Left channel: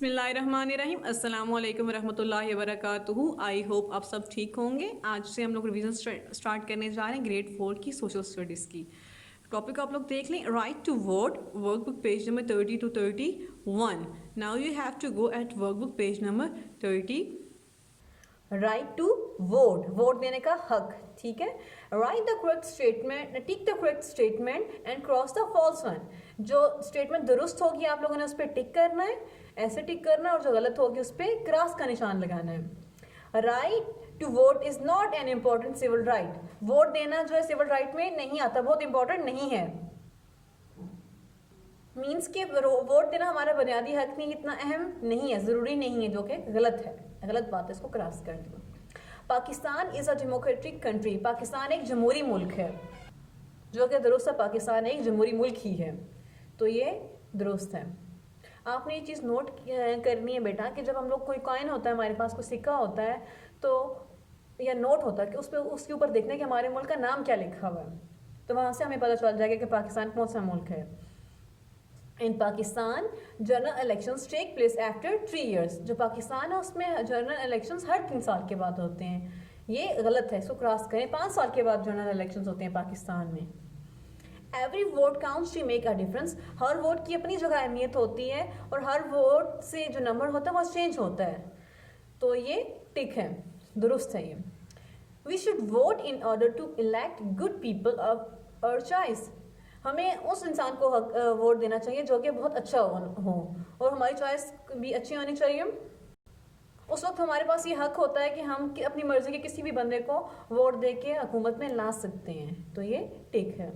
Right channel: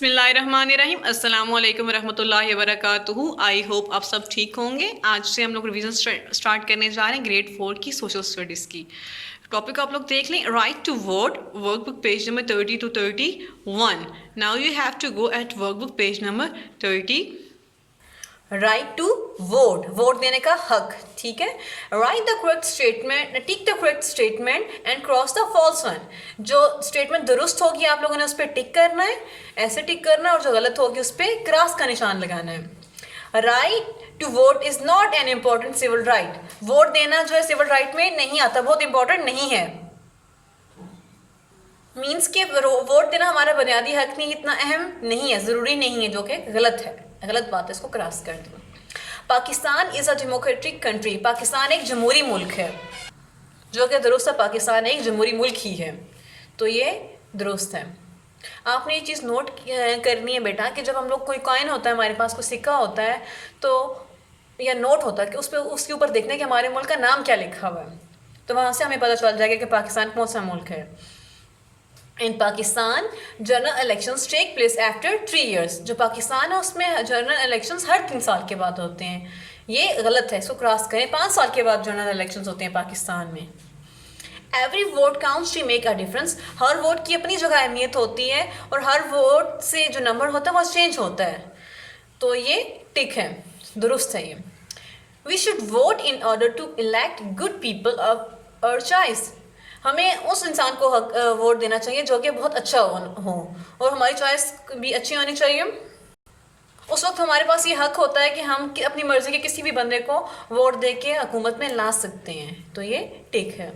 बिस्मिल्लाहिर्रहमानिर्रहीम अस्सलाम वालेकुम रहमतुल्लाहि वबरकातुहू। आई होप आप सब ठीक होंगे। आज से हम लोग रिवीजन स्टार्ट करने जा रहे हैं ग्रेड 4 की सोशल स्टडीज़ की। टॉपिक आप लोग देख लें, right to vote, workbook page number 30 to 31। Now you have to go at workbook page number 30। Right to vote, vote देने का हक, ठीक है। Write the correct statement, tick the correct statement and cross the false one. जो statement दुरुस्त होगी आप लोगों ने उस पर टिक करना है, ऐसे टिक करना है, और जो गलत होगी उस पर क्रॉस का निशान लगाना है। Right to vote is not an important civil right. Vote देना जो है सिविल राइट में नहीं आता, बहुत इंपॉर्टेंट नहीं है। मीन्स के वोट देना हमारा बुनियादी हक नहीं, इतना अहम नहीं है, ज़रूरी नहीं है, जो कि गलत है, गलत बात है, इसको क्रॉस कर दो। Pakistan is a democratic country. Pakistan एक जमहूरी मुल्क है, जो कि दुरुस्त है, पाकिस्तान एक जमहूरी मुल्क ही है, तो ये दुरुस्त है। आपने ये चीज़ नोट करनी है बेटा कि जब हम लोग कोई कॉइन होता है, हमारे पास कोई सिक्का होता है, तो या नोट होता है कि उस पर उसके ऊपर देखना है कि हमारे मुल्क का नाम क्या लिखा हुआ है, तो वहाँ से हमें पता चल जाएगा कि पाकिस्तान कौन सा मुल्क है। In Pakistan general elections take place after 3 years। जो पाकिस्तान है उसमें जनरल इलेक्शंस हर 3 साल के बाद होते हैं, ये गलत है, इसको क्रॉस करें। 5 साल के बाद जनरल इलेक्शंस होते हैं पाकिस्तान में। Every vote counts to make a difference. हर वोट की अपनी जगह अहमियत होती है, और हर वोट से जो नंबर होता है वो चेंज होता है, तो ये टिक है, दुरुस्त है ये। We should vote in order to elect good people of our choice. हमें उस इंसान को वोट देना चाहिए जो कि बहुत अच्छा हो, और हमारी चॉइस भी अच्छी होनी चाहिए। उस वक्त हमारे पास ये हक होता है कि हम अपनी मर्ज़ी के किसी भी बंदे को वोट दे के हुकूमत में ला सकते हैं, तो ये टिक है।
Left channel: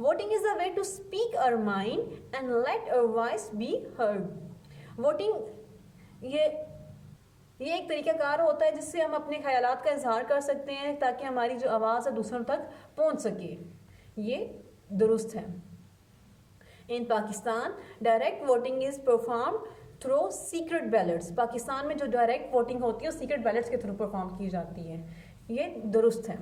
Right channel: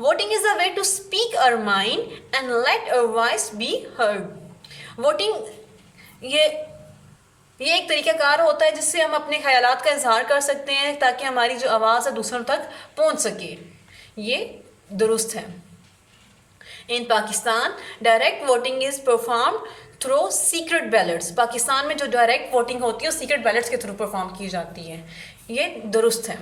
Voting is a way to speak our mind and let our voice be heard. Voting ये एक तरीक़ाकार होता है जिससे हम अपने ख्यालात का इजहार कर सकते हैं, ताकि हमारी जो आवाज़ है दूसरों तक पहुंच सके, ये दुरुस्त है। In Pakistan direct voting is perform through secret ballots. Pakistan में जो डायरेक्ट वोटिंग होती है वो सीक्रेट बैलेट्स के थ्रू परफॉर्म की जाती है, ये दुरुस्त है।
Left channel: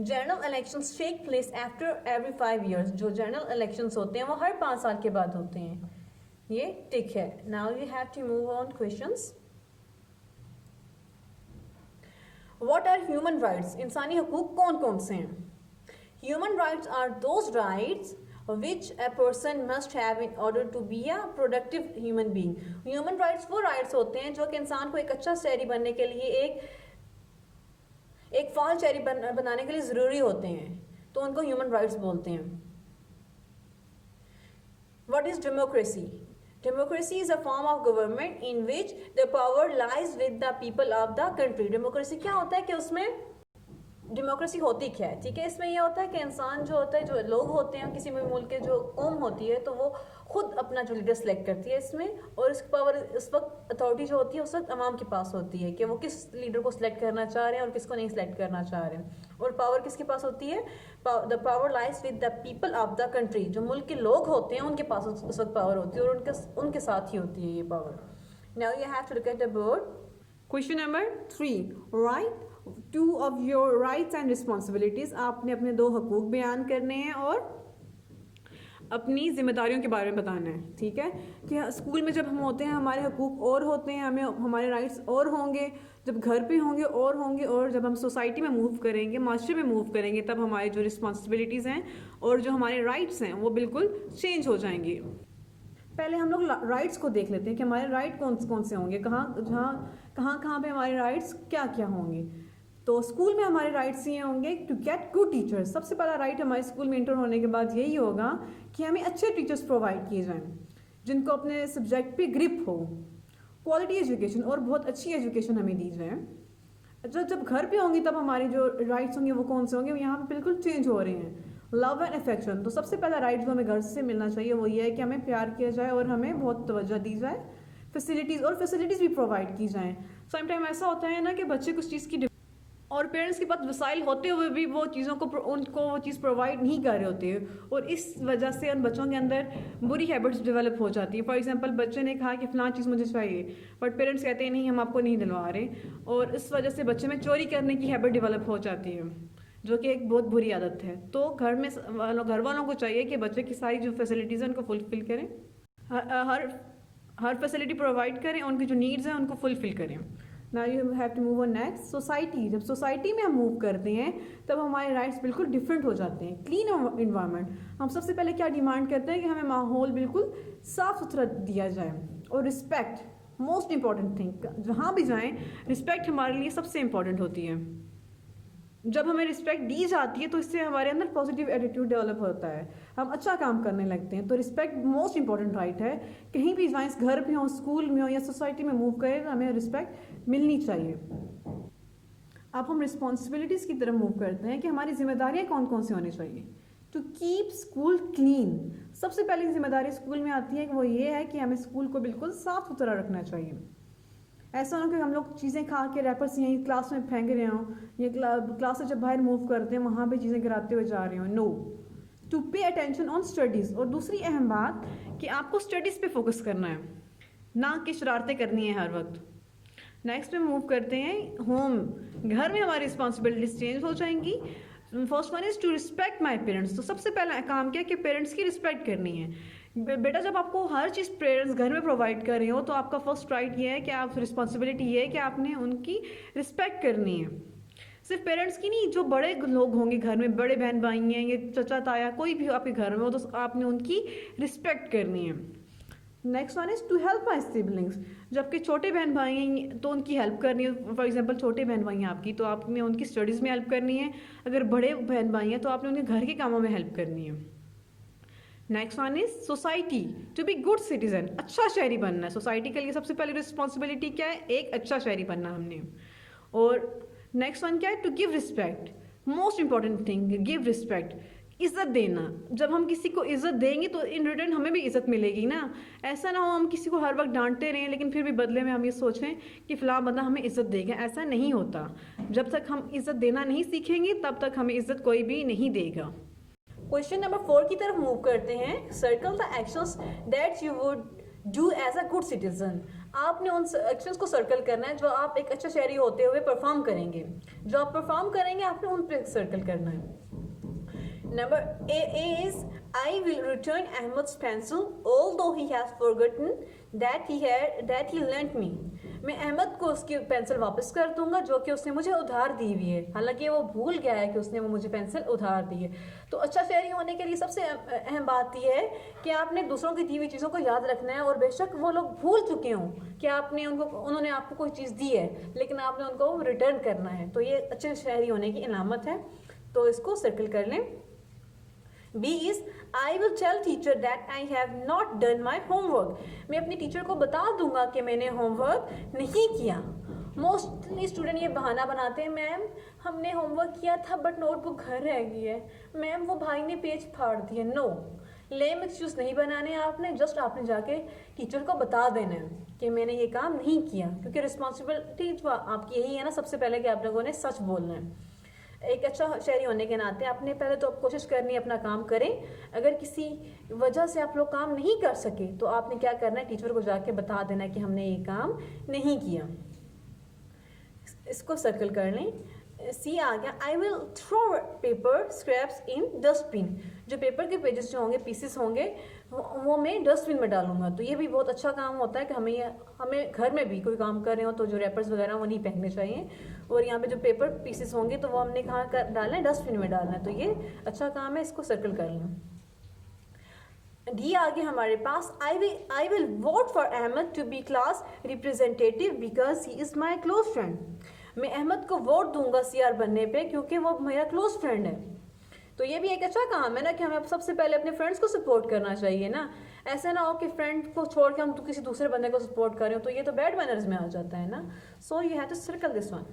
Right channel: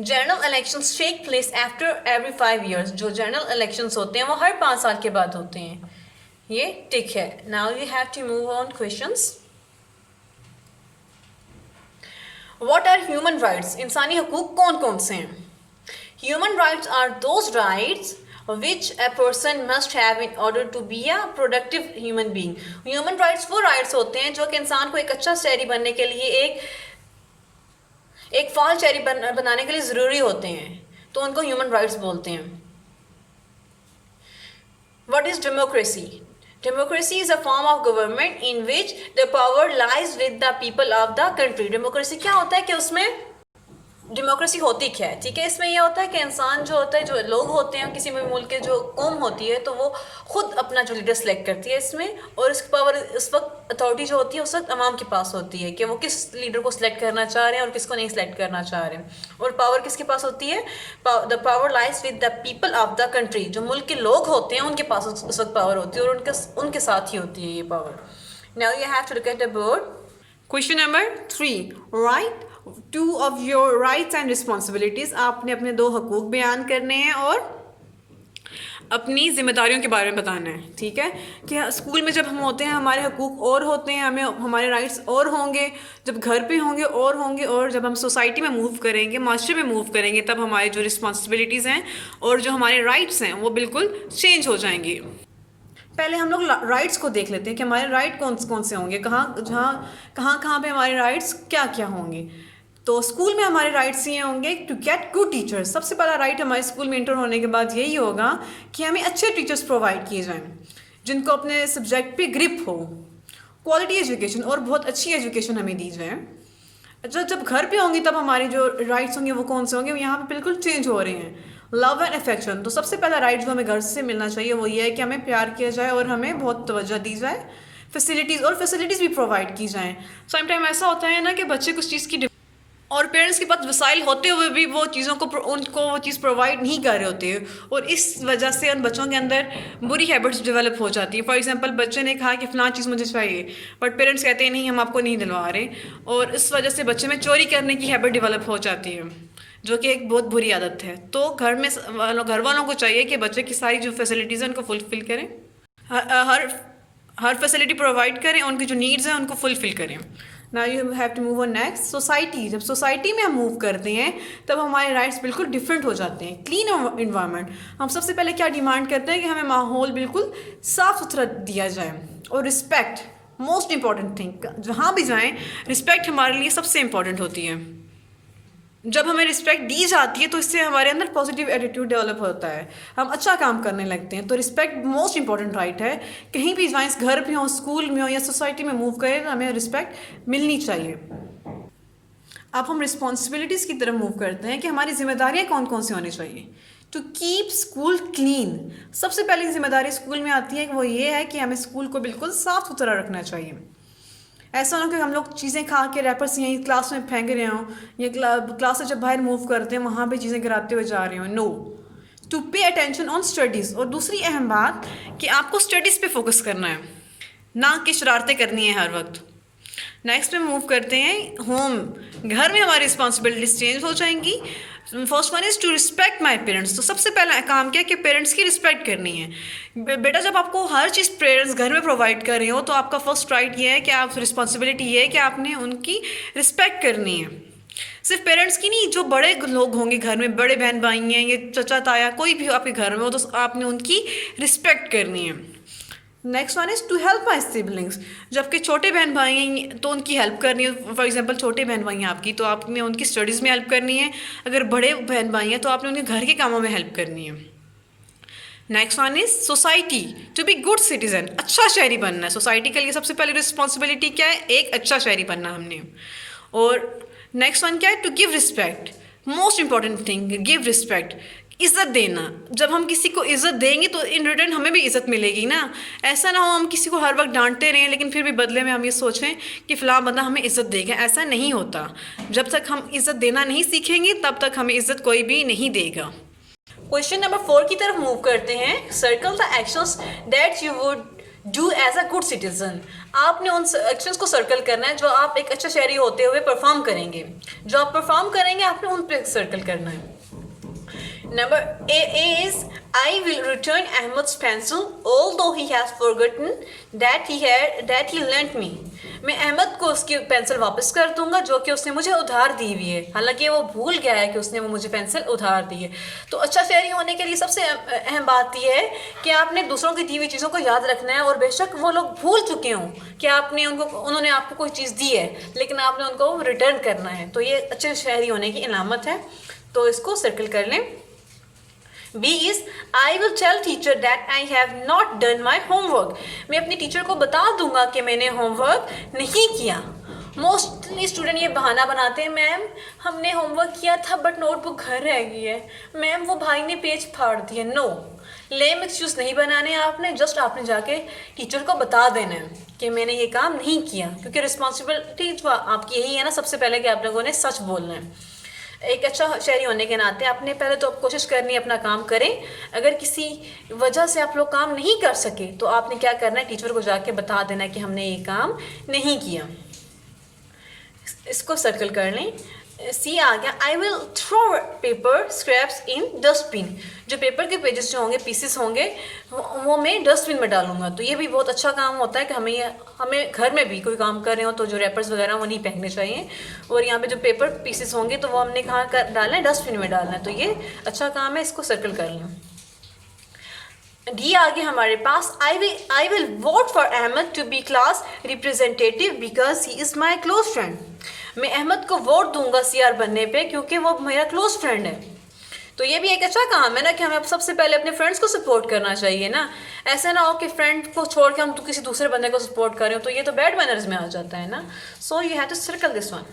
General elections take place after every 5 years। जो जनरल इलेक्शंस होते हैं वो हर 5 साल के बाद होते हैं, ये टिक है। Now you have to move on questions. What are human rights? इंसानी हकूक कौन कौन से हैं? Human rights are those rights which a person must have in order to be a productive human being। Human rights वो rights होते हैं जो कि इंसान को एक अच्छा शहरी बनने के लिए, एक फाल शहरी बनाने के लिए ज़रूरी होते हैं, तो उनको human rights बोलते हैं। What is democracy? Democracy is a form of government in which the power lies with the people of the country। Democracy क्या होता है कि उसमें डेमोक्रेसी होती क्या है, ठीक है। इसमें यह होता है कि इंसान जो होता है, जो लोग होते हैं, किसी भी मुल्क के जो कौम होती है, तो वो खुद अपना जो लीडर सेलेक्ट करती है इसमें, और इसकी पावर इस वक्त अथॉरिटी जो होती है उस वक्त अवाम के पास होती है कि वो किस लीडर को सिलेक्ट करना चाह रहे हैं और किसको नहीं सिलेक्ट करना चाह रहे हैं। और पावर किसके पास होती है? The power lies with the people of the country. जो मुल्क के लोग होते हैं उनके पास उस वक्त पावर होती है, और उनके साथ ही होती है ये power. Now you have to look at the board. Question number 3, write two of your rights and responsibilities. आपने अपने 2 हकूक़ बयान करने हैं और अपनी जिम्मेदारियों के बारे में बताना है, ठीक है। कि स्कूल में जब हम होते हैं हमारे हकूक़ और होते हैं, हमें हमारे राइट्स और होंगे, जब घर पे होंगे और होंगे, और जब हम सोसाइटी में मूव करेंगे, माशरे में मूव करेंगे, तब हमारी जो रिस्पॉन्सिबिलिटीज़ हैं और जो हमारे राइट्स हैं वो बिल्कुल चेंज हो जाएंगे। पहले हम लोग राइट्स को देख लेते हैं कि हमारे राइट कौन कौन से होंगे, कहाँ पे हमारे राइट्स क्या क्या होंगे। तो स्कूल में हमारे राइट्स ये होंगे टू गेट गुड टीचर्स। सबसे पहला राइट हमारे स्कूल में इंटर होने के बाद यही होगा कि हमें अच्छे टीचर्स प्रोवाइड किए जाएं, जिनको अपने सब्जेक्ट पे ग्रिप हो, क्वालिटी एजुकेशन और बहुत अच्छी एजुकेशन हमें दी जाए। जब घर पे होंगी तब हमारे जो राइट्स होंगे वो कौन से होंगे, यहाँ पे बिल्कुल चेंज हो रहे हैं। Love and affection. तो सबसे पहला राइट जो हमें घर से मिलना चाहिए वो ये है कि हमें प्यार किया जाए और हमें बहुत तवज्जो दी जाए, फैसिलिटीज़ भी प्रोवाइड की जाएँ। समटाइम ऐसा होता है ना कि बच्चे कुछ चीज़ की और पेरेंट्स के पास वसाइल होते हुए भी वो चीज़ों को उनको वो चीज़ प्रोवाइड नहीं कर रहे होते हैं, और इस वजह से उन बच्चों के अंदर बुरी हैबिट्स डेवलप हो जाती हैं। फॉर एग्जांपल बच्चे ने कहा कि फ़लाँ चीज़ मुझे चाहिए, बट पेरेंट्स कहते हैं नहीं हम आपको नहीं दिलवा रहे, और इस वजह से बच्चे में चोरी करने की हैबिट डेवलप हो जाती है, जो कि एक बहुत बुरी आदत है। तो घर वालों को चाहिए कि बच्चे की सारी जो फैसिलिटीज़ हैं उनको फुलफ़िल करें। हर हर फैसिलिटी प्रोवाइड करें, उनकी जो नीड्स हैं उनको फुलफिल करें। Now you have to move on next society. जब सोसाइटी में हम मूव करते हैं तब हमारे राइट्स बिल्कुल डिफरेंट हो जाते हैं। क्लीन इन्वायरमेंट, हम सबसे पहले क्या डिमांड करते हैं कि हमें माहौल बिल्कुल साफ़ सुथरा दिया जाए। और रिस्पेक्ट, मोस्ट इंपॉर्टेंट थिंग, जहाँ भी जाएँ रिस्पेक्ट हमारे लिए सबसे इम्पॉर्टेंट होती है। जब हमें रिस्पेक्ट दी जाती है तो इससे हमारे अंदर पॉजिटिव एटीट्यूड डेवलप होता है, हम अच्छा काम करने लगते हैं। तो रिस्पेक्ट मोस्ट इंपॉर्टेंट राइट है। कहीं भी जाएं, घर भी हो, स्कूल में हो या सोसाइटी में मूव करें, तो हमें रिस्पेक्ट मिलनी चाहिए। अब हम रिस्पॉन्सिबिलिटीज़ की तरफ मूव करते हैं कि हमारी जिम्मेदारियाँ कौन कौन सी होनी चाहिए। टू कीप स्कूल क्लीन, सबसे पहली जिम्मेदारी स्कूल में आती है कि वो ये है कि हमें स्कूल को बिल्कुल साफ़ सुथरा रखना चाहिए। ऐसा ना कि हम लोग चीज़ें खा के रैपर्स यहीं क्लास में फेंक रहे हों, या क्लास से जब बाहर मूव करते हैं वहाँ पे चीज़ें गिराते हुए जा रहे हों। No, to pay attention on studies. और दूसरी अहम बात कि आपको स्टडीज़ पे फोकस करना है, ना कि शरारतें करनी है हर वक्त। नेक्स्ट पे मूव करते हैं होम। घर में हमारी रिस्पॉन्सिबिलिटीज़ चेंज हो जाएंगी। First one is to respect my parents. तो सबसे पहला काम क्या है कि पेरेंट्स की रिस्पेक्ट करनी है। बेटा जब आपको हर चीज़ पेरेंट्स घर में प्रोवाइड कर रहे हो तो आपका फर्स्ट राइट ये है कि आप रिस्पॉन्सिबिलिटी ये है कि आपने उनकी रिस्पेक्ट करनी है। सिर्फ पेरेंट्स की नहीं, जो बड़े लोग होंगे घर में, बड़े बहन भाई हैं, ये चचा ताया, कोई भी आपके घर में हो, तो आपने उनकी रिस्पेक्ट करनी है। Next one is to help my siblings. जबकि छोटे बहन भाई हैं तो उनकी हेल्प करनी है। फॉर एग्जांपल छोटे बहन भाई हैं आपकी, तो आपने उनकी स्टडीज़ में हेल्प करनी है। अगर बड़े बहन भाई हैं तो आपने उनके घर के कामों में हेल्प करनी है। Next one is society, to be good citizen. अच्छा शहरी बनना है। सोसाइटी के लिए सबसे पहली रिस्पॉन्सिबिलिटी क्या है? एक अच्छा शहरी बनना हमने। और नेक्स्ट वन क्या है? To give respect. Most important thing, give respect, इज़्ज़त देना। जब हम किसी को इज़्ज़त देंगे तो इन रिटर्न हमें भी इज़्ज़त मिलेगी ना। ऐसा ना हो हम किसी को हर वक्त डांटते रहें लेकिन फिर भी बदले में हम ये सोचें कि फ़लाँ बंदा हमें इज़्ज़त देगा। ऐसा नहीं होता। जब तक हम इज़्ज़त देना नहीं सीखेंगे तब तक हमें इज़्ज़त कोई भी नहीं देगा। क्वेश्चन नंबर 4 की तरफ मूव करते हैं। Circle the actions that you would do as a good citizen. आपने उन एक्शंस को सर्कल करना है जो आप एक अच्छा शहरी होते हुए परफॉर्म करेंगे। जो आप परफॉर्म करेंगे आपने उन पर सर्कल करना है। Number A is I will return Ahmed's pencil although he has forgotten that he lent me. मैं अहमद को उसकी पेंसिल वापस कर दूंगा जो कि उसने मुझे उधार दी हुई है। हालांकि वो भूल गया है कि उसने वो मुझे पेंसिल उधार दी है। तो अच्छा शहरी होने के लिए सबसे अहम बात यह है कि आपने दूसरों की दी हुई चीज़ों को याद रखना है। और बेशक वो लोग भूल चुके हों कि उन्होंने आपको कोई चीज़ दी है, लेकिन आपने उनको रिटर्न करना है। तो ये अच्छे शहरी होने की इलामत है। तो इसको सर्कल कर लें। B is I will tell teacher that I have not done my homework. मैं अपनी टीचर को बता दूंगा कि मैंने होमवर्क नहीं किया। मोस्टली स्टूडेंट ये बहाना बनाते हैं, मैम हमने होमवर्क किया था बट नोटबुक घर रह गई है, मैम वो भाई ने पेज फाड़ दिया। नो, लेम एक्सक्यूज नहीं बनाने आपने। जस्ट आपने जाके टीचर को बता देना है कि मैंने ये काम नहीं किया, क्योंकि रिस्पॉन्सिबिलिटी आपकी यही है ना सबसे पहले कि आप लोगों ने सच बोलना है। एक अच्छा शहरी होने के नाते आपने पहले तो आप कोशिश करनी है अपना काम करें। अगर किसी वजह से आप लोग काम नहीं कर सके तो आपने क्या करना है, टीचर को जाके बता देना है कि हमने ये काम नहीं किया। इसको सर्कल कर लें। सी आ गया, I will throw paper scraps in dustbin. जो पेपर के पेजेस जो होंगे, पीसेस होंगे, वो मैं डस्टबिन में डालूंगा। तो ये भी बहुत अच्छा काम होता है कि हमें घर में भी कोई काम कर रहे हो तो जो रैपर्स वगैरह वो नहीं फेंकने चाहिए। और यहाँ पे जो पेपर पीसेस होंगे तो वो हमने कहाँ डालना है, डस्टबिन में डालना है। तो ये अच्छा काम है, इसको सर्कल कर लें। डी आगे हमारे पास, I will vote for Ahmad to be class representative because he is my close friend. मैं अहमद को वोट दूंगा CR बनने पे क्योंकि वो मेरा क्लोज फ्रेंड है। तो ये भी एक अच्छा काम है ना कि हमें सबसे पहले अपने फ्रेंड्स को सपोर्ट करना चाहिए ना। ऐसा ना हो कि फ्रेंड को छोड़ के हम तो किसी दूसरे बंदे को सपोर्ट कर रहे हो, तो ये तो बैड मैनर्स में आ जाता है ना। So you have to circle this one.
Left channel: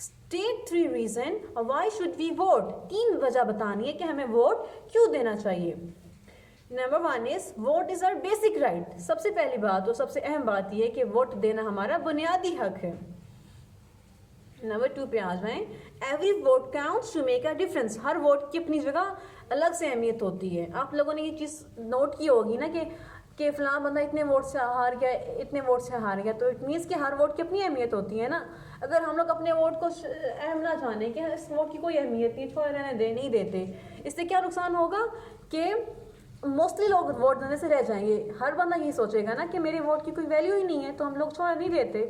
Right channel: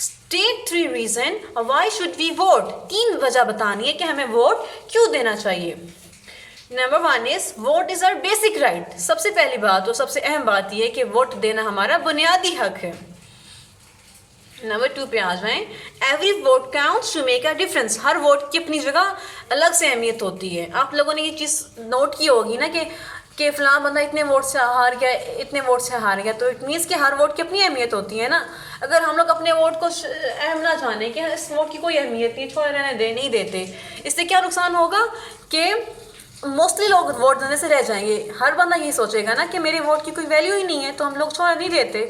State 3 reason why should we vote. 3 वजह बतानी है कि हमें वोट क्यों देना चाहिए। Number 1 is vote is our basic right. सबसे पहली बात और सबसे अहम बात यह है कि वोट देना हमारा बुनियादी हक है। नंबर 2 पे आ जाएं। Every vote counts to make a difference. हर वोट की अपनी जगह अलग से अहमियत होती है। आप लोगों ने ये चीज़ नोट की होगी ना कि फ़लाँ बंदा इतने वोट से हार गया, इतने वोट से हार गया। तो इट मीन्स कि हर वोट की अपनी अहमियत होती है ना। अगर हम लोग अपने वोट को अहम ना जाने कि इस वोट की कोई अहमियत नहीं, छोड़ रहने दे नहीं देते, इससे क्या नुकसान होगा कि मोस्टली लोग वोट देने से रह जाएंगे। हर बंदा यही सोचेगा ना कि मेरे वोट की कोई वैल्यू ही नहीं है, तो हम लोग छोड़ नहीं देते।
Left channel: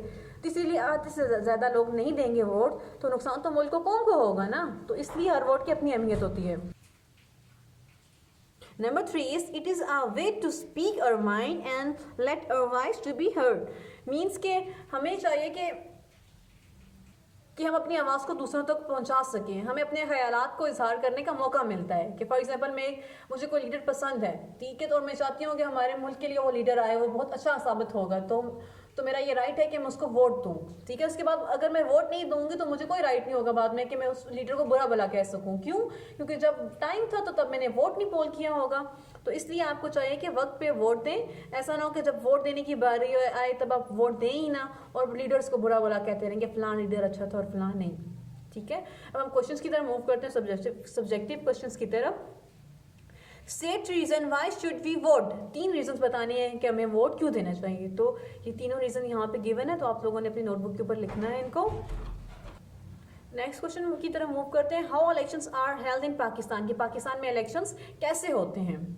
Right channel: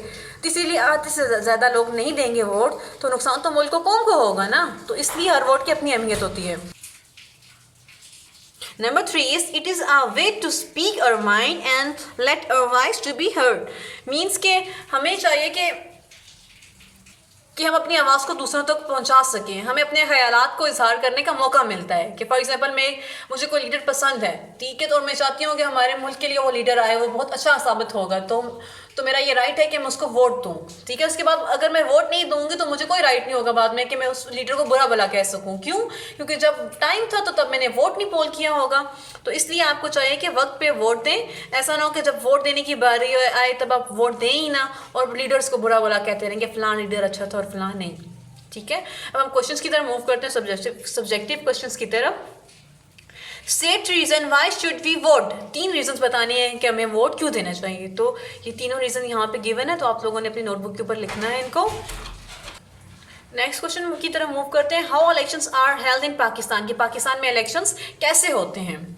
तो इसीलिए आधे से ज़्यादा लोग नहीं देंगे वोट, तो नुकसान तो मुल्क को कौम को होगा ना। तो इसलिए हर वोट की अपनी अहमियत होती है। Number 3 is it is a way to speak our mind and let our voice to be heard. Means के हमें चाहिए कि हम अपनी आवाज़ को दूसरों तक पहुंचा सकें, हमें अपने ख्यालात को इजहार करने का मौका मिलता है। कि फॉर एग्जांपल मुझे कोई लीडर पसंद है, ठीक है, तो मैं चाहती हूँ कि हमारे मुल्क के लिए वो लीडर आए, वो बहुत अच्छा साबित होगा, तो मेरा ये राइट है कि मैं उसको वोट दूँ, ठीक है। उसके बाद अगर मैं वोट नहीं दूंगी तो मुझे कोई राइट नहीं होगा बाद में कि मैं उस लीडर को बुरा भला कह सकूँ। क्यों? क्योंकि जब टाइम था तो तब मैंने वोट नहीं पोल किया होगा। तो इसलिए आपको चाहिए कि वक्त पे वोट दें। ऐसा ना हो कि जब वोट देने की बारी आए तब आप वोट दें ही ना और लीडर्स को बुरा भला कहते रहेंगे फलां लीडर अच्छा था और फलां नहीं, ठीक है। अब हम क्वेश्चंस की तरफ मूव करते हैं, सब्जेक्टिव क्वेश्चंस की तरफ। State reason why should we vote. 3 reasons बताने हैं कि हमें वोट क्यों देना चाहिए। तो ये तीनों रीजन यहाँ पे गिवन है, तो आप लोगों ने अपनी नोटबुक के ऊपर लिखना है इनको। नेक्स्ट क्वेश्चन की तरफ मूव करते हैं। How elections are held in Pakistan. कि पाकिस्तान में इलेक्शंस कैसे होते हैं।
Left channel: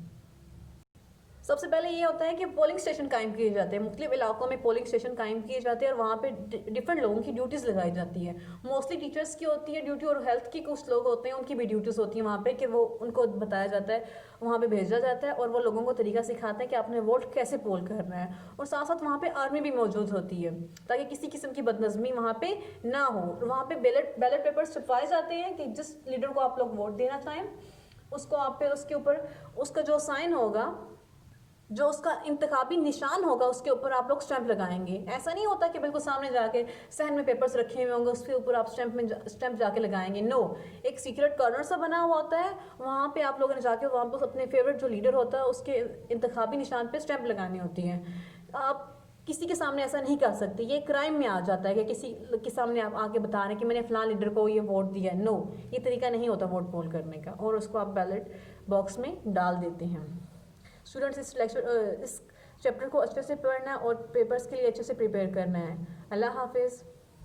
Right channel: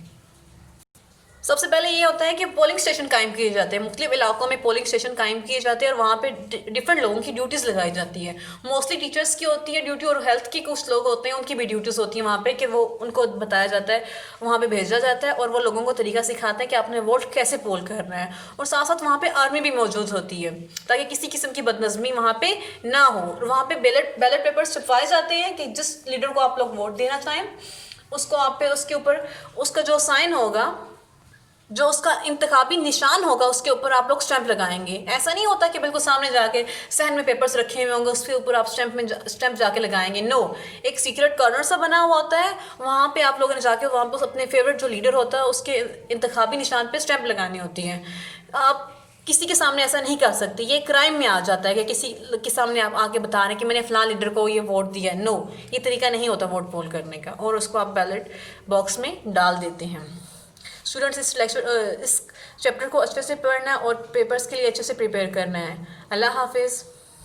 सबसे पहले ये होता है कि पोलिंग स्टेशन कायम किए जाते हैं। मुख्तलिफ इलाकों में पोलिंग स्टेशन कायम किए जाते हैं और वहाँ पे डिफरेंट लोगों की ड्यूटीज़ लगाई जाती है। मोस्टली टीचर्स की होती है ड्यूटी और हेल्थ की कुछ लोग होते हैं उनकी भी ड्यूटीज़ होती है वहाँ पे कि वो उनको बताया जाता है, वहाँ पे भेजा जाता है और वो लोगों को तरीका सिखाते हैं कि आपने वोट कैसे पोल करना है। और साथ साथ वहाँ पर आर्मी भी मौजूद होती है ताकि किसी किस्म की बदनज़मी वहाँ पर ना हो। और वहाँ पर बैलेट पेपर्स छपवाए जाते हैं कि जिस लीडर को आप लोग वोट देना चाहें उसको आप पे उसके ऊपर उसका जो साइन होगा, जो उसका इंतखाबी निशान होगा, उसके ऊपर आप लोग स्टैंप लगाएंगे। ऐसा नहीं होता कि बिल्कुल सामने जाके सहन में पेपर्स रखे हुए होंगे उसके ऊपर आप स्टैंप जाके लगाएंगे। नो, एक सीक्रेट कॉर्नर सा बना हुआ होता है, वहाँ पे आप लोगों ने जाके वहाँ पर अपने फेवरेट जो लीडर होता है उसके इंतखाबी निशान पे स्टैंप लगानी होती है। आप किसी के सामने ऐसा नहीं कर सकते, ये क्राइम में आ जाता है कि किसी के सामने आप आके बता रहे हैं कि मैंने फलां लीडर को ये वोट दिया। नो, ये तरीका नहीं होता वोट पोल करने का, और उसको आप बैलेट बॉक्स में डाल देते हैं। स्टूडेंट्स इस चैप्टर को अच्छे से पढ़ना और पेपर्स के लिए अच्छे से प्रिपेयर करना है। अल्लाह हाफिज़।